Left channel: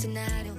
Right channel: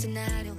scenario